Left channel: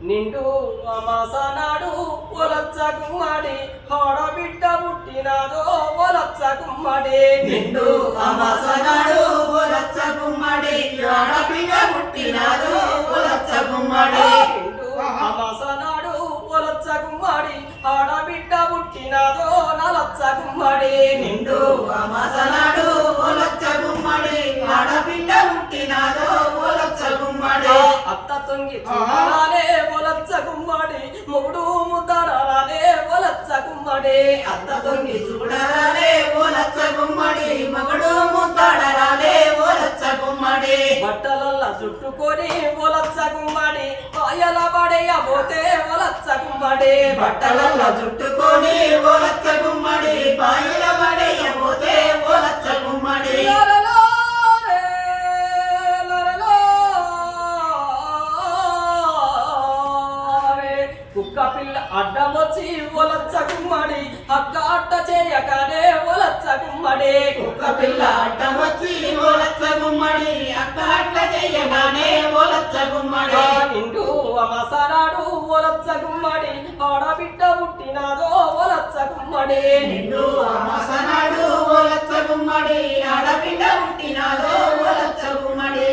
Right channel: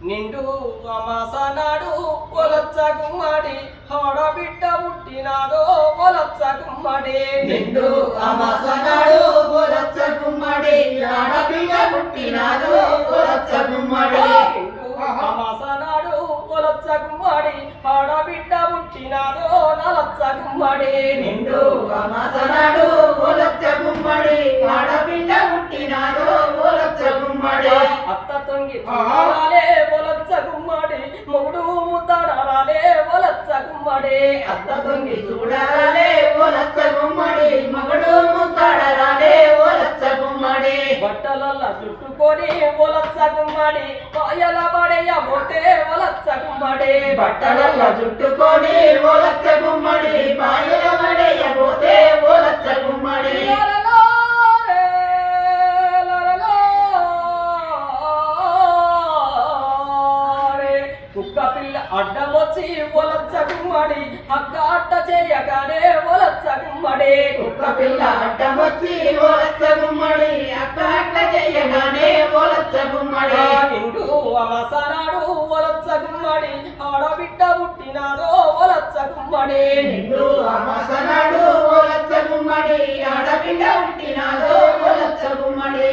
నిండు అమాసనాడు ఒలచ్చ గుమ్మడి ఆడబిడ్డ పుట్టినాదో ఒలచ్చ గుమ్మడి నిండు అమసనాడు ఒలచ్చ గుమ్మడి ఆడపిల్ల పుట్టినాడు ఒలచ్చ గుమ్మడి నిండు అమాసనాడు ఒలచ్చ గుమ్మడి ఆడబిడ్డ పుట్టినాదో నలచ్చ గుమ్మడి నిండు అమసనాడు ఒలచ్చ గుమ్మడి ఆడపిల్ల పుట్టినాడు ఒలచ్చ గుమ్మడి అత్త తొంగి చూడాలే గుమ్మడి మొగుడు ముద్దరాలే ఒలచ్చ గుమ్మడి అత్త దొంగి చూడరాలే ఒలచ్చ గుమ్మడి మగడు ముద్దాడరాలే ఒలచ్చ గుమ్మడి బట్టలల్ల చుట్టుకొని ఒలచ్చ గుమ్మడి పాయల పడేయబోతే ఒలచ్చ గుమ్మడి బట్టలల్ల చుట్టుకొని ఒలచ్చ గుమ్మడి పాయల కుక్క పిల్ల అడ్డమొచ్చి ఒలచ్చ గుమ్మడి అక్క అట్ట చేయగానే ఒలచ్చ గుమ్మడి కుక్క పిల్ల అడ్డం వచ్చి ఒలచ్చ గుమ్మడి అక్క అట్ల చెయ్యగానే ఒలచ్చ గుమ్మడి నిండు అమసనాడు ఒలచ్చ గుమ్మడి ఆడబిడ్డ పుట్టినాదో ఒలచ్చ గుమ్మడి నిండు అమసనాడు ఒలచ్చ గుమ్మడి ఆడపిల్ల పుట్టినాదో ఒలచ్చ గుమ్మడి